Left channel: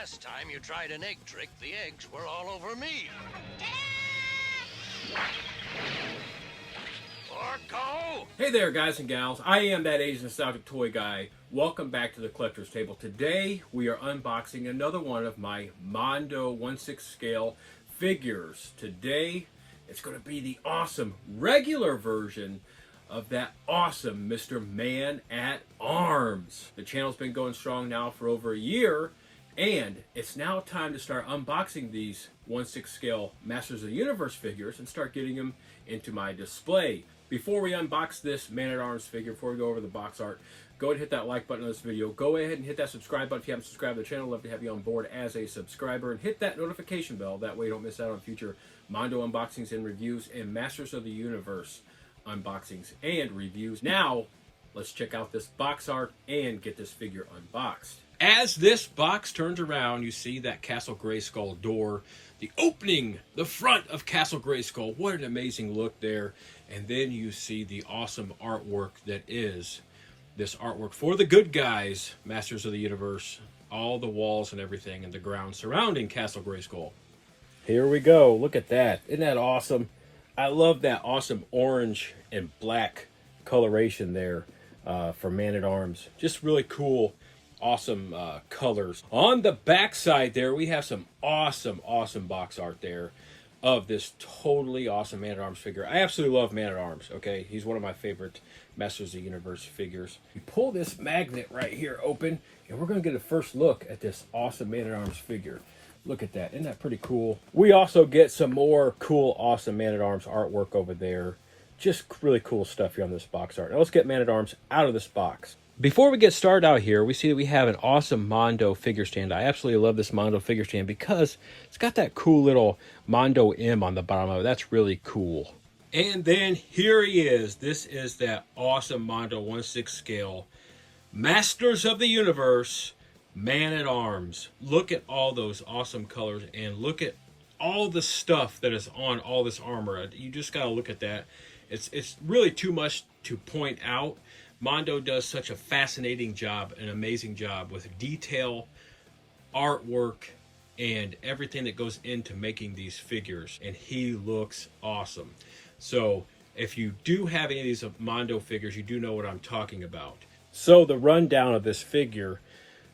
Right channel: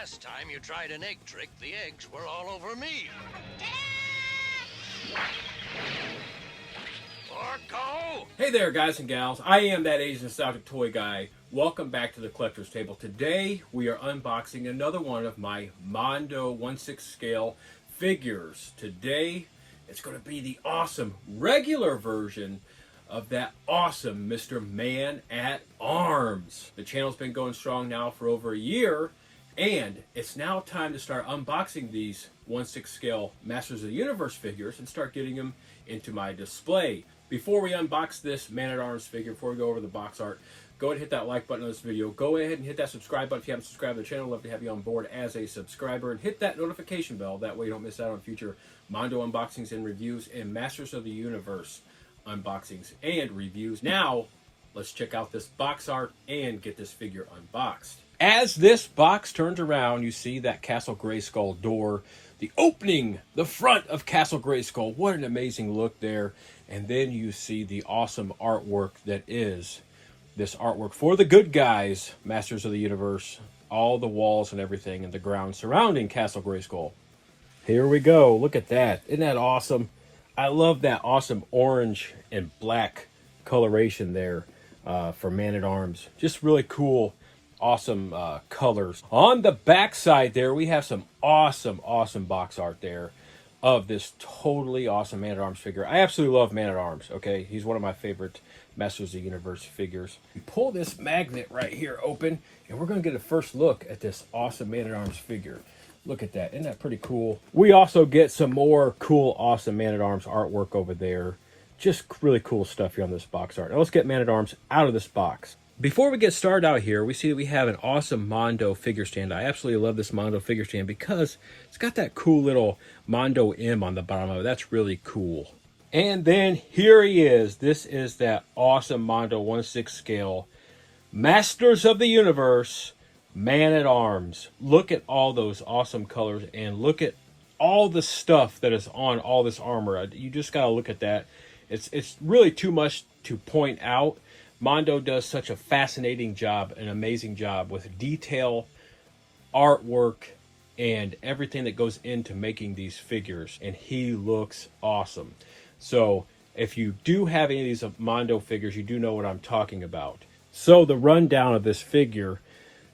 Last time you tried an egg trick, the eggs were all over me. Orko! Hey there, guys and gals. I am that Asian nostalgic toy guy. Welcome back to the Collector's Table. Today, we are unboxing another one of my MONDO 1/6 scale figures. Today, it's going to be the awesome regular version of that awesome Mr. Man-at-Arms. The channel's been going strong now for over a year, and it's now time to start unboxing these 1/6 scale Masters of the Universe figures and start getting them into my display. Before we unbox this Man-at-Arms figure, before we go over the box art, go ahead and hit that like button on this video. Go ahead and hit that subscribe button if you haven't subscribed to the channel. I'd love to have you on board as a subscriber. And hit that notification bell. That way you don't miss out on future MONDO unboxings and reviews and Masters of the Universe unboxings and reviews. Now, let's check out this box art and get this figure unboxed. As this box turns around, you see that Castle Grayskull door. The opening, the front of Castle Grayskull. What an amazing look there. And then you see the awesome artwork that is this artwork for the good guys, Masters of the Universe. All the walls and everything and the ground surrounding Castle Grayskull. Here we go. Look at that. Isn't that awesome? I love that awesome orange and black coloration there for Man-at-Arms. Just really cool, awesome colors. On the back side there, we have some awesome box art there of this totally awesome Man-at-Arms figure. I absolutely love Man-at-Arms, okay? He's one of my favorite Masters of the Universe figures. We pull this magnet right here open, and we're going to get a first look at this awesome Man-at-Arms figure. Look at that. Isn't that pretty cool? We also get some more cool, awesome Man-at-Arms artwork over there. Just really cool stuff here on this box art. Now let's get Man-at-Arms out of this box. Before we get started out here, we see that we have an awesome MONDO figure stand. I absolutely love this MONDO figure stand because it's got that cool little MONDO M on the bottom of it. That's really cool. And then here he is. This is that awesome MONDO 1/6 scale Masters of the Universe Man-at-Arms. Look at all those awesome colors and look at all the stuff that is on all this armor. You just got to look at that. It's really too much to point out. MONDO does such a fascinating job, an amazing job with detail, artwork, and everything that goes into making these figures. And he looks awesome. So if you do have any of these MONDO figures, you do know what I'm talking about. So the rundown of this figure,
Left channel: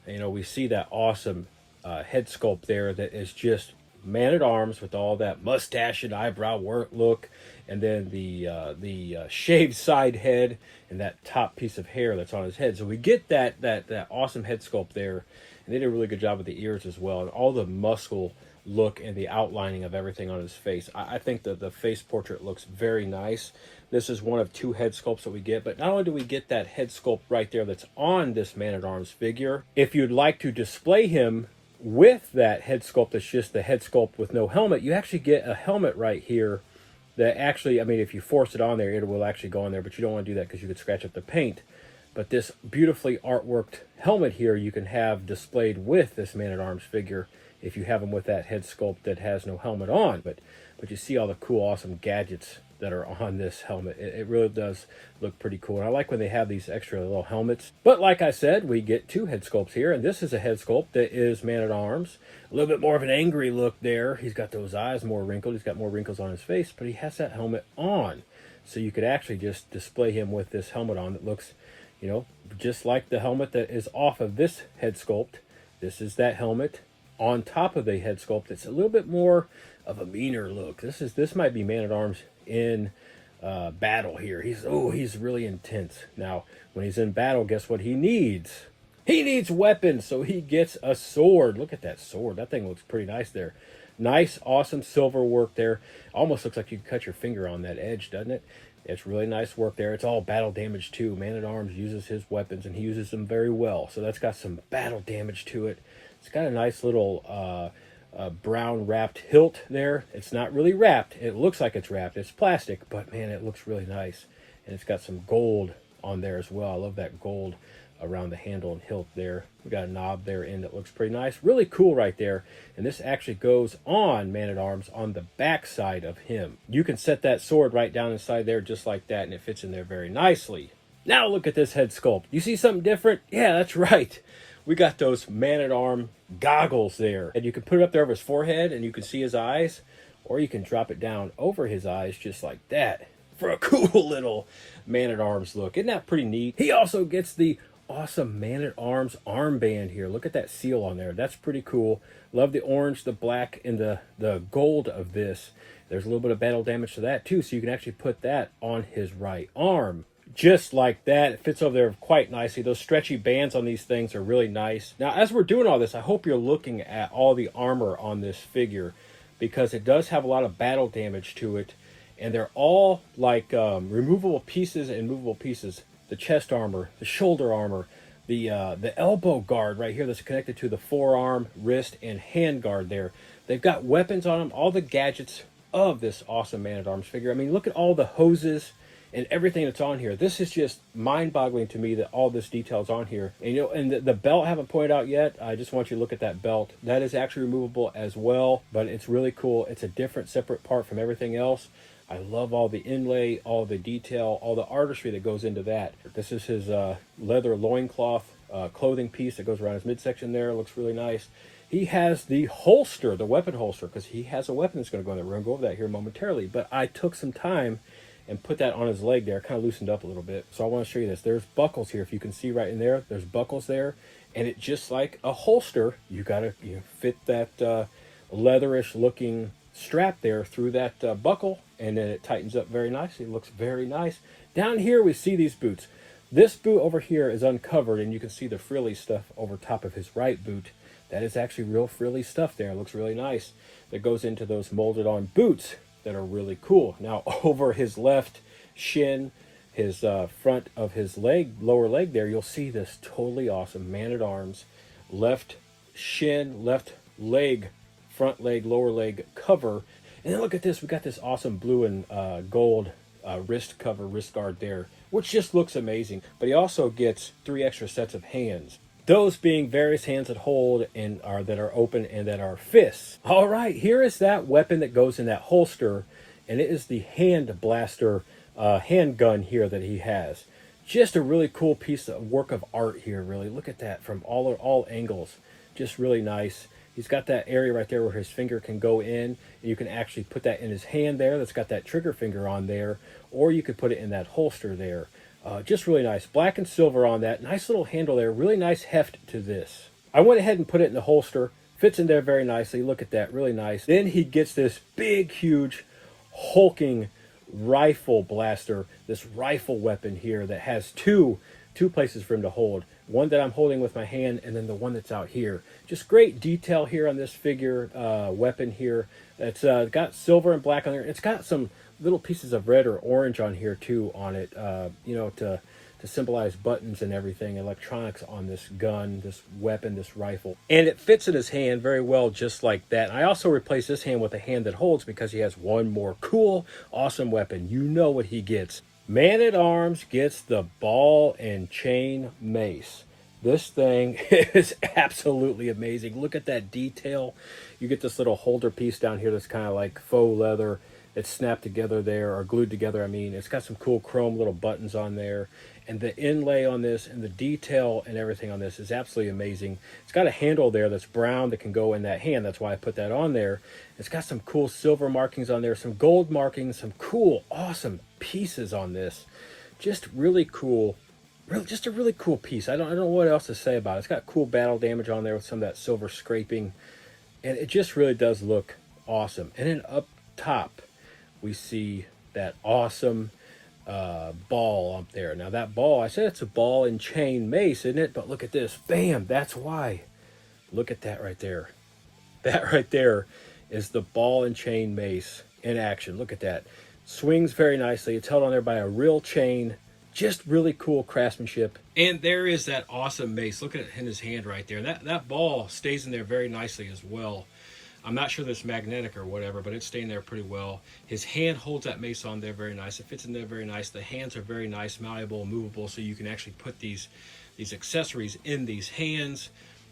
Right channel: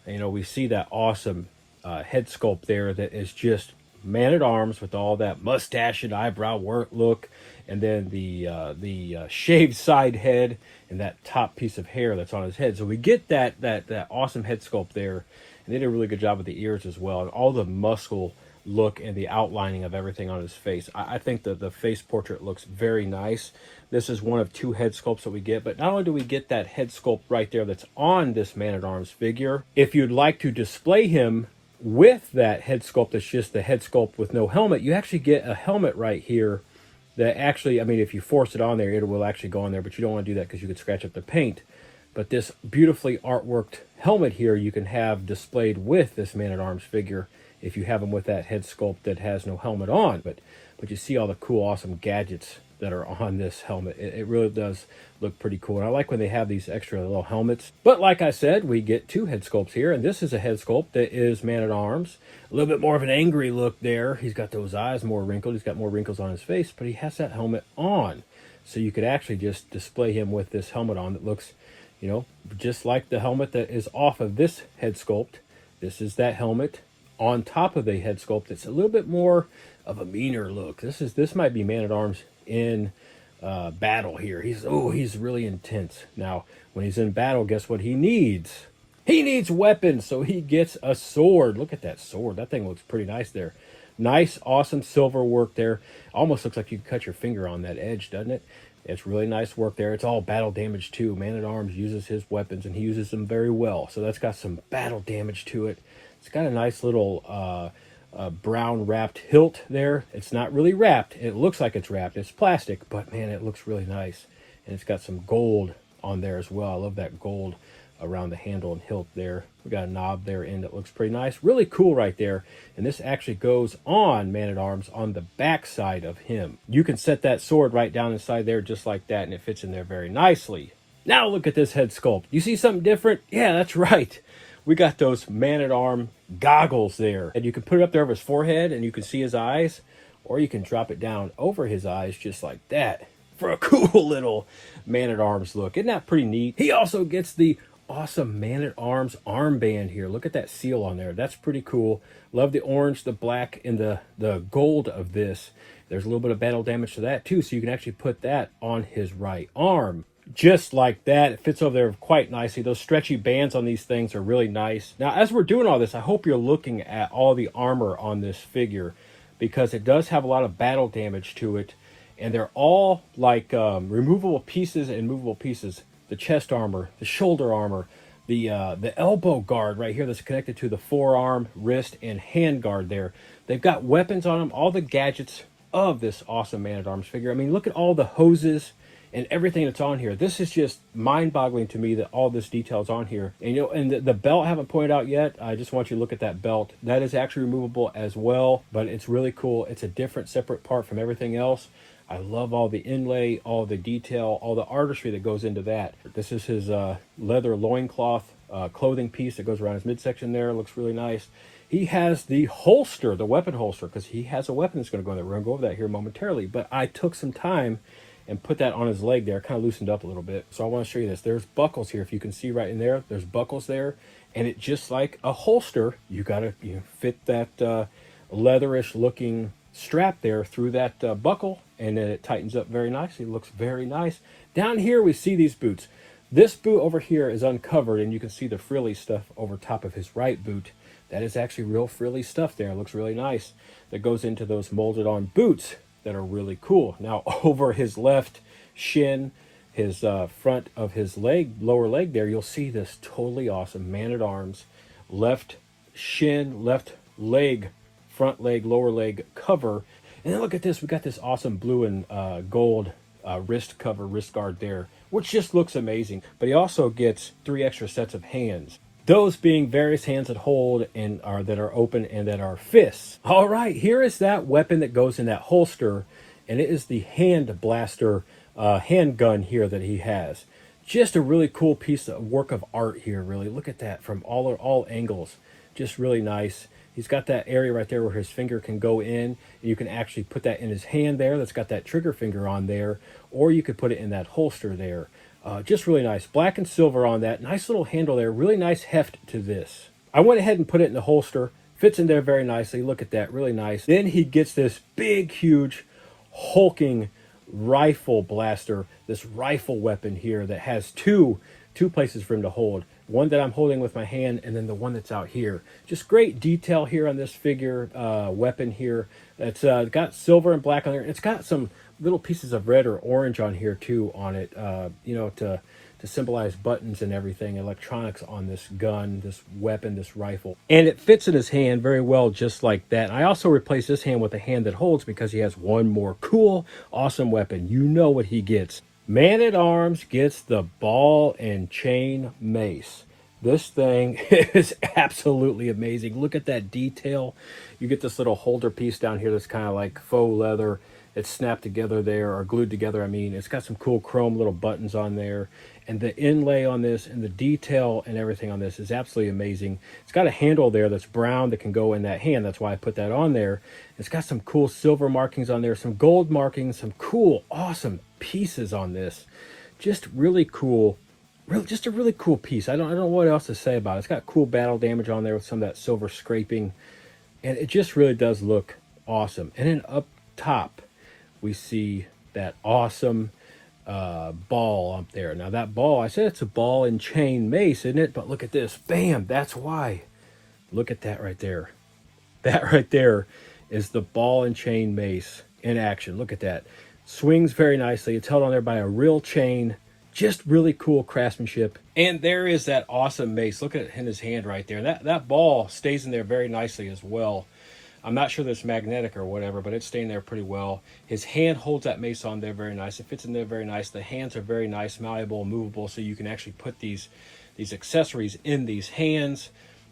you know, we see that awesome head sculpt there that is just Man-at-Arms with all that mustache and eyebrow work look, and then the shaved side head and that top piece of hair that's on his head. So we get that awesome head sculpt there, and they did a really good job with the ears as well, and all the muscle look and the outlining of everything on his face. I think that the face portrait looks very nice. This is one of two head sculpts that we get, but not only do we get that head sculpt right there that's on this Man-at-Arms figure, if you'd like to display him with that head sculpt that's just the head sculpt with no helmet, you actually get a helmet right here that actually, I mean, if you force it on there, it will actually go on there, but you don't want to do that because you could scratch up the paint. But this beautifully artworked helmet here you can have displayed with this Man-at-Arms figure if you have him with that head sculpt that has no helmet on. But you see all the cool, awesome gadgets that are on this helmet. It really does look pretty cool. And I like when they have these extra little helmets. But like I said, we get two head sculpts here, and this is a head sculpt that is Man-at-Arms. A little bit more of an angry look there. He's got those eyes more wrinkled. He's got more wrinkles on his face, but he has that helmet on. So you could actually just display him with this helmet on that looks, you know, just like the helmet that is off of this head sculpt. This is that helmet on top of the head sculpt. It's a little bit more of a meaner look. This might be Man-at-Arms in battle here. He's really intense. Now, when he's in battle, guess what he needs? He needs weapons, so he gets a sword. Look at that sword. That thing looks pretty nice there. Nice, awesome silver work there. Almost looks like you could cut your finger on that edge, doesn't it? It's really nice work there. It's all battle damage too. Man-at-Arms uses his weapons, and he uses them very well. So that's got some battle damage to it. It's got a nice little brown wrapped hilt there. It's not really wrapped. It looks like it's wrapped. It's plastic, but man, it looks really nice. And it's got some gold on there as well. I love that gold around the handle and hilt there. We got a knob there in that looks pretty nice. Really cool right there. And this actually goes on Man-at-Arms on the back side of him. You can set that sword right down inside there just like that, and it fits in there very nicely. Now look at this head sculpt. You see something different? Yeah, that's right. we got those man-at-arm goggles there. And you can put it up there over his forehead and you can see his eyes, or you can drop it down over his eyes just like that for a cool little man-at-arms look. Isn't that pretty neat? He also gets the awesome man-at-arms armband here. Look at that seal on there. That's pretty cool. Love the orange, the black, and the gold of this. There's a little bit of battle damage to that too, so you can actually put that on his right arm. Just like that. It fits over there quite nicely. Those stretchy bands on these things are really nice. Now, as we're doing all this, I hope you're looking at all the armor on this figure, because it does have a lot of battle damage to it, and they're all like removable pieces and movable pieces. The chest armor, the shoulder armor, the elbow guard right here that's connected to the forearm, wrist, and hand guard there. They've got weapons on them, all the gadgets of this awesome man-at-arms figure. I mean, look at all the hoses and everything that's on here. This is just mind-boggling to me that all this detail is on here. And, you know, and the belt I haven't pointed out yet. I just want you to look at that belt. That is actually removable as well, but it's really cool. It's a different, separate part from everything else. I love all the inlay, all the detail, all the artistry that goes into that. This is his leather loincloth clothing piece that goes around his midsection there. It looks really nice. He has the holster, the weapon holster, because he has a weapon that's going to go in there. We're going to go over that here momentarily. But I took some time and put that on his leg there, kind of loosened up a little bit. So I want to show you this. There's buckles here. If you can see right in there, there's buckles there. And it just like a holster, you got to fit that leatherish looking strap there through that buckle, and then it tightens up very nicely. It looks very nice. Down here we see these boots. This boot over here is uncovered, and you can see the frilly stuff over top of his right boot. That is actually real frilly stuff there. It looks really nice. That goes into those molded on boots that are really cool. Now over his left shin, his front of his leg, lower leg there, you'll see this totally awesome man-at-arms left shin, left leg, front leg, lower leg cover. And then look at this. We got this awesome blue and gold wrist cover, wrist guard there, which just looks amazing. But he also gets 3 extra sets of hands. Those being various hands that hold and that are open and that are fists. All right, here is that weapon that goes in that holster, and it is the hand blaster handgun here that he has. Just a really cool piece of work of art here, really. Look at that from all angles. Just really nice. He's got that area right there where his finger can go in. You can actually put that in his hand there. That's got that trigger finger on there. Or you could put it in that holster there. Just really nice. Black and silver on that. Nice little handle there. Really nice heft to this. I went ahead and put it in the holster. Fits in there very nicely. Look at that. Really nice. Then he gets this big, huge, hulking rifle blaster. This rifle weapon here that has two places for him to hold. One that I'm holding with my hand, and then the one that's out here. Just great detail here on this figure weapon here. It's got silver and black on there. It's got some little pieces of red or orange on here too on it, you know, to symbolize buttons and everything, electronics on this gun, this weapon, this rifle. And it fits in his hand very well just like that. I also replaced this hand with a hand that holds because he has one more cool, awesome weapon. You know what he gets. Man-at-Arms gets the ball and chain mace. This thing is absolutely amazing. Look at that detail. You get this little holder piece down here that's kind of like faux leather. It's snapped together there, or glued together, I mean. It's got some cool chrome little buttons on there. And the inlay on this and the detail and everything on this is absolutely amazing. It's got a handle there that's brown that can go in that hand. That's why I put that on there. It's got some cool silver markings on there, some gold markings, some cool, awesome pieces on this. Just really cool. Just a really cool piece. I don't know what else to say about it. It's got cool battle damage on there with some of that silver scraping. And it just really does look awesome. And then up top, we see that awesome ball up there. Now that ball, I said it's a ball and chain mace, isn't it? But look at this. Bam! That's why. Look at that right there. That right there is the ball and chain mace in action. Look at that. Swings very nicely. It's held on there by a real chain. Just really cool craftsmanship. And there is that awesome mace. Look at it in his hand right there. That ball stays in there very nicely as well. I'm not sure that it's magnetic or whatever, but it's staying there pretty well. His hand holds that mace on there very nice. It fits in there very nice. The hands are very nice, malleable, movable, so you can actually put these accessories in these hands.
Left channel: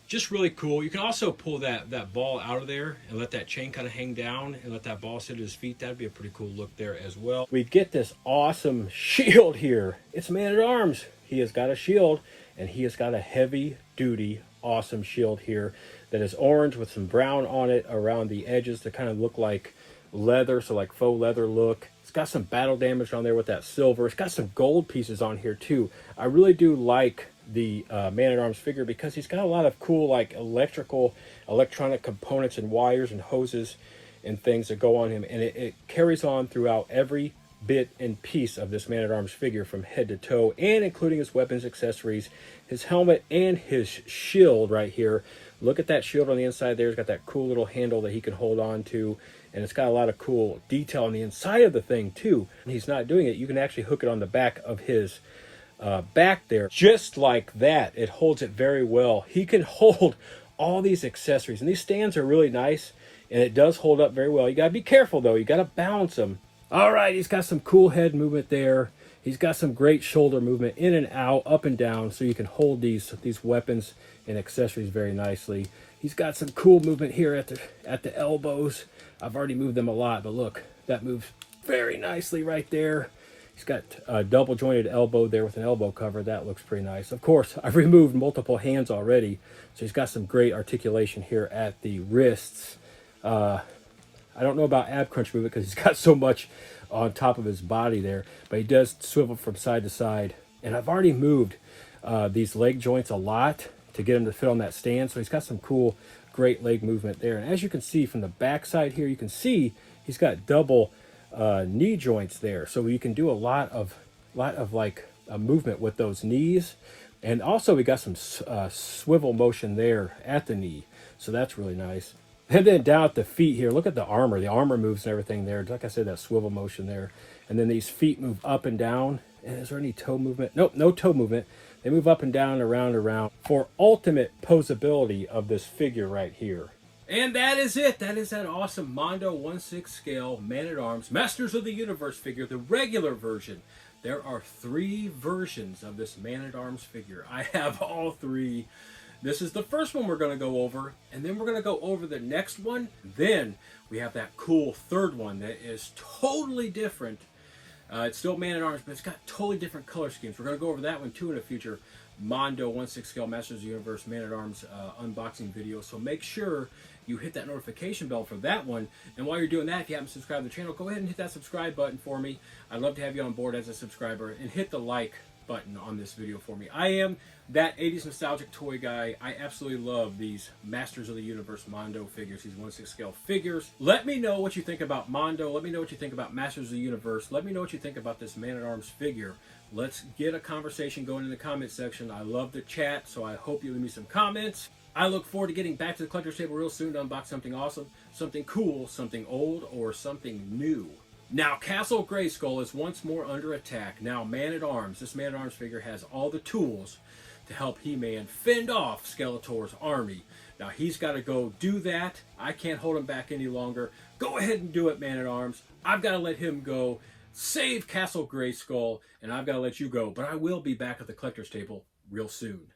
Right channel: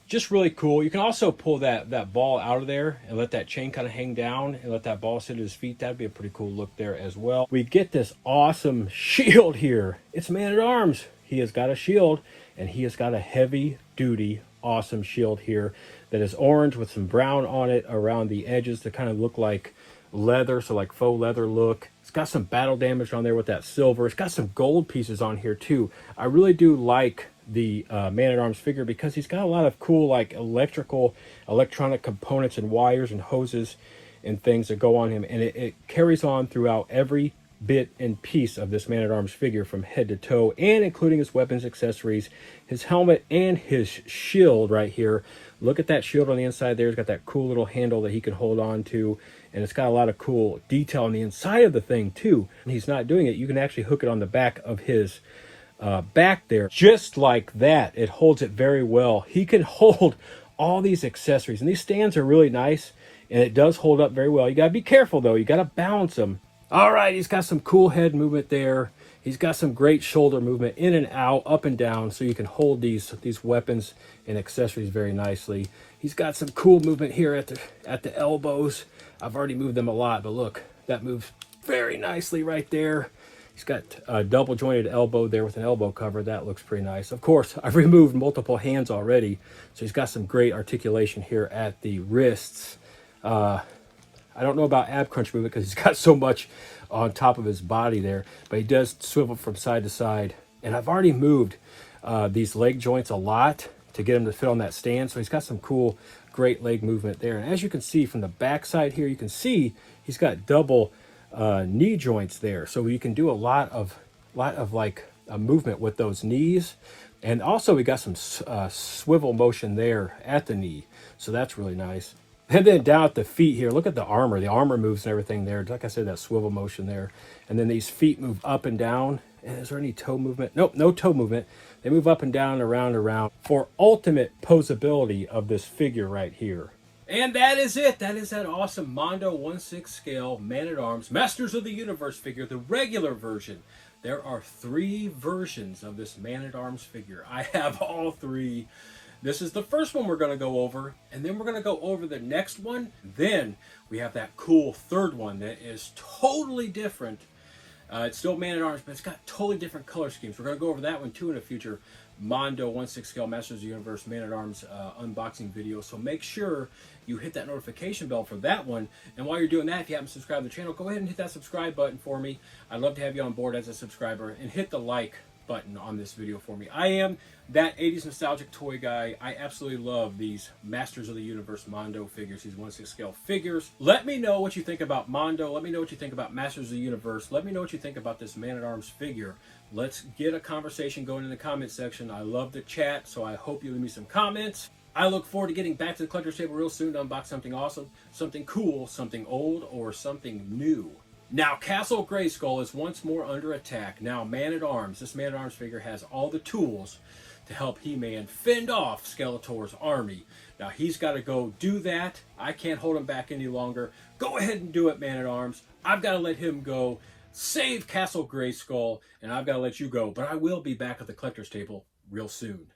Just really cool. You can also pull that ball out of there and let that chain kind of hang down and let that ball sit at his feet. That'd be a pretty cool look there as well. We get this awesome shield here. It's Man-at-Arms. He has got a shield, and he has got a heavy-duty awesome shield here that is orange with some brown on it around the edges to kind of look like leather, so like faux leather look. It's got some battle damage on there with that silver. It's got some gold pieces on here too. I really do like the Man-at-Arms figure because he's got a lot of cool like electronic components and wires and hoses and things that go on him, and it carries on throughout every bit and piece of this Man-at-Arms figure from head to toe, and including his weapons, accessories, his helmet, and his shield right here. Look at that shield on the inside there. It's got that cool little handle that he can hold on to, and it's got a lot of cool detail on the inside of the thing too. And he's not doing it. You can actually hook it on the back of his back there, just like that. It holds it very well. He can hold all these accessories, and these stands are really nice, and it does hold up very well. You gotta be careful though. You gotta balance them. All right, he's got some cool head movement there. He's got some great shoulder movement in and out, up and down, so you can hold these weapons and accessories very nicely. He's got some cool movement here at the elbows. I've already moved them a lot, but look, that moves very nicely right there. He's got a double jointed elbow there with an elbow cover. That looks pretty nice. Of course, I've removed multiple hands already, so he's got some great articulation here at the wrists. I don't know about ab crunch movement because he's got so much on top of his body there, but he does swivel from side to side. And I've already moved these leg joints a lot to get him to fit on that stand, so he's got some cool, great leg movement there. And as you can see from the back side here, you can see he's got double knee joints there, so you can do a lot of like movement with those knees. And also we got some swivel motion there at the knee, so that's really nice. And then down at the feet here, look at the armor. The armor moves and everything there. Like I said, that swivel motion there. And then these feet move up and down. And is there any toe movement? Nope, no toe movement. They move up and down, around and around for ultimate posability of this figure right here. And that is it. That is that awesome Mondo 1/6 scale Man-at-Arms Masters of the Universe figure, the regular version. There are 3 versions of this Man-at-Arms figure. I have all 3. This is the first one we're going to go over, and then we're going to go over the next one. Then we have that cool third one that is totally different. It's still Man-at-Arms, but it's got totally different color schemes. We're going to go over that one too in a future Mondo 1/6 scale Masters of the Universe Man-at-Arms unboxing video. So make sure you hit that notification bell for that one. And while you're doing that, if you haven't subscribed to the channel, go ahead and hit that subscribe button for me. I'd love to have you on board as a subscriber, and hit the like button on this video for me. I am that 80s nostalgic toy guy. I absolutely love these Masters of the Universe Mondo figures, these 1/6 scale figures. Let me know what you think about Mondo. Let me know what you think about Masters of the Universe. Let me know what you think about this Man-at-Arms figure. Let's get a conversation going in the comment section. I love to chat, so I hope you leave me some comments. I look forward to getting back to the collector's table real soon to unbox something awesome, something cool, something old, or something new. Now, Castle Grayskull is once more under attack. Now, Man-at-Arms, this Man-at-Arms figure has all the tools to help He-Man fend off Skeletor's army. Now, he's got to go do that. I can't hold him back any longer. Go ahead and do it, Man-at-Arms. I've got to let him go. Save Castle Grayskull, and I've got to let you go. But I will be back at the collector's table real soon.